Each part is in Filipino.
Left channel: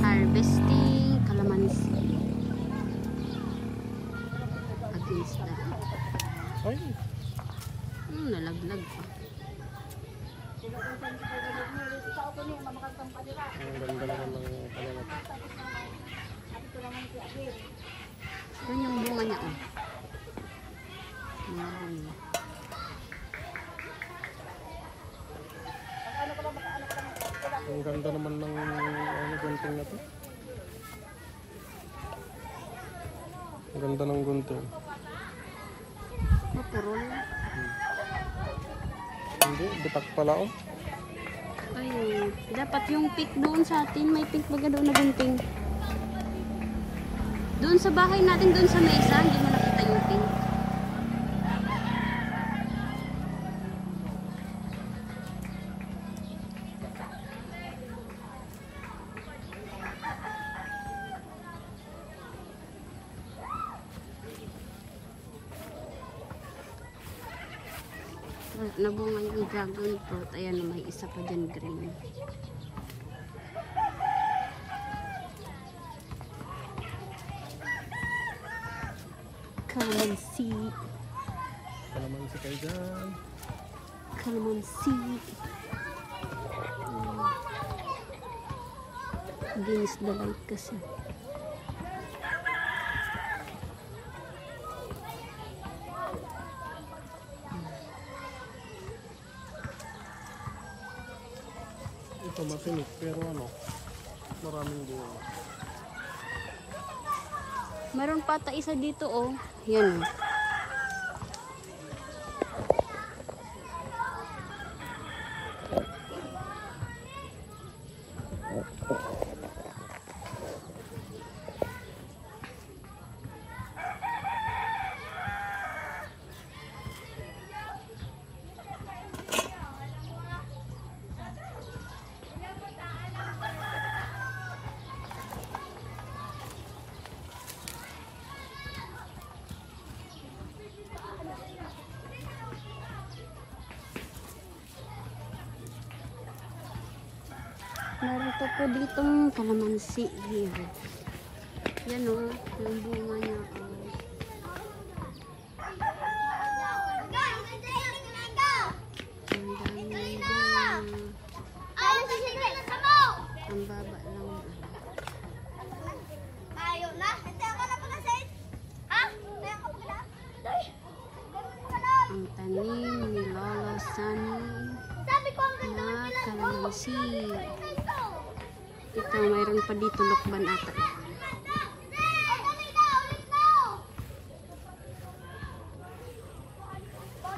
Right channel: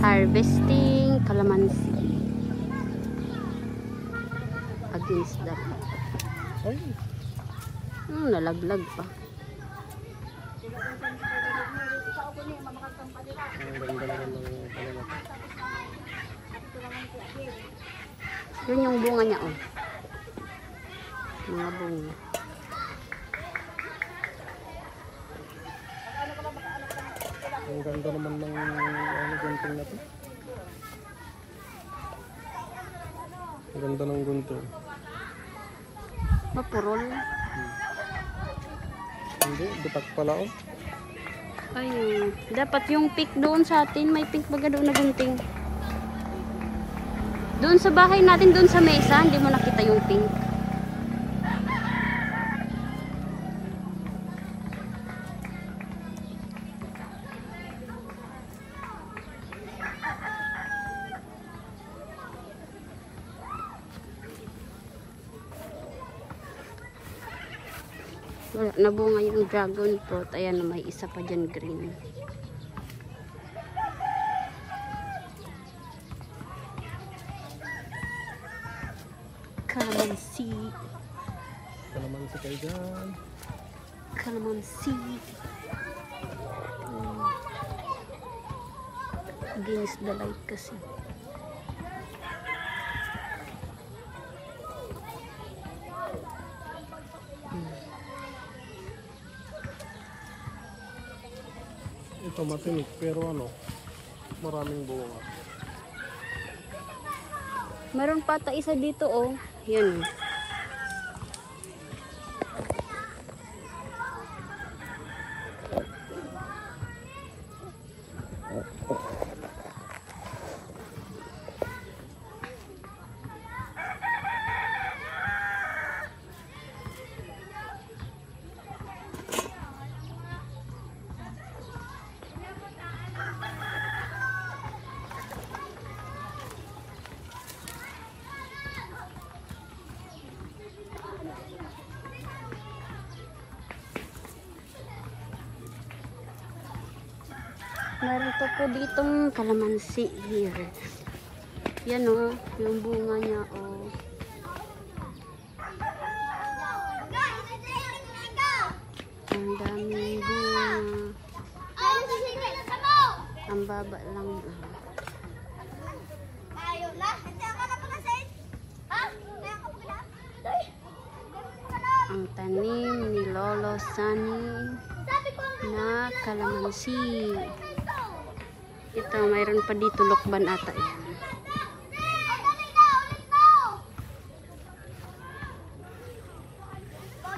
Harvesting calamansi. Against that. Ay. Nalaglag pa. Ang ganda naman ng kalamansi. Yun yung bunga niya, oh. Mga bunga. Ang ganda naman ng gunting na to. Ang ganda ng gunting. Mapurol. Hindi, bitak pala oh. Ayun. Dapat yung pick doon sa atin. May pick baga doon na gunting. Doon sa bahay natin, doon sa mesa, hindi mo nakita yung pink. Wala, nabunga yung dragon fruit. Ayan, may isa pa dyan green. Calamansi. Kalamansi kayo dyan. Calamansi. Against the light kasi. Ito matinik pero ano, maraming bunga. Meron pata isa dito, oh. Yan. Meron to po ditong calamansi here. Yan, oh, yung bunga niya, oh. Ang daming bunga. Ang baba lang. Ang tanim ni Lolo Sunny na calamansi. Ito, mayroon pa dito lokban ata yan.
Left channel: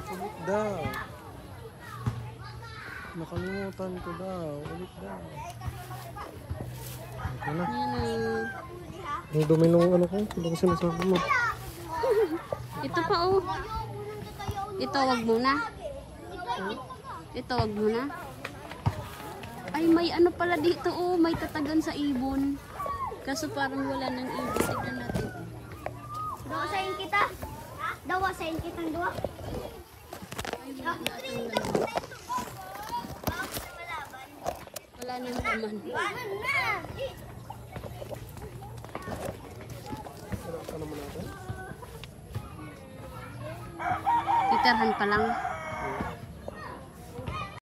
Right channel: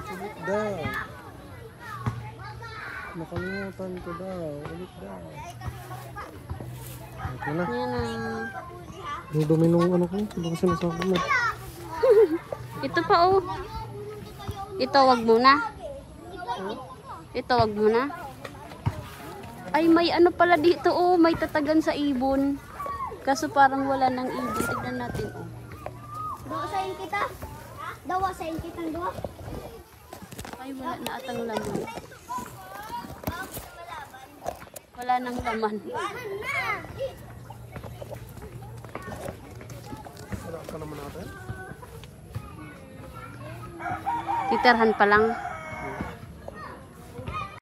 Ulit daw. Nakalimutan ko daw. Ulit daw. Ito na. Yan. May dumi nung ano ko. Hindi ko sinasabi mo. Ito pa, oh. Ito, wag muna. Ito, wag muna. Ay, may ano pala dito, oh. May tatagan sa ibon. Kaso parang wala nang ibon. Tignan natin, oh. Dawasayin kita. Dawasayin kitang dua. Ay, wala na atang laman. Wala nang laman. Titirhan pa lang.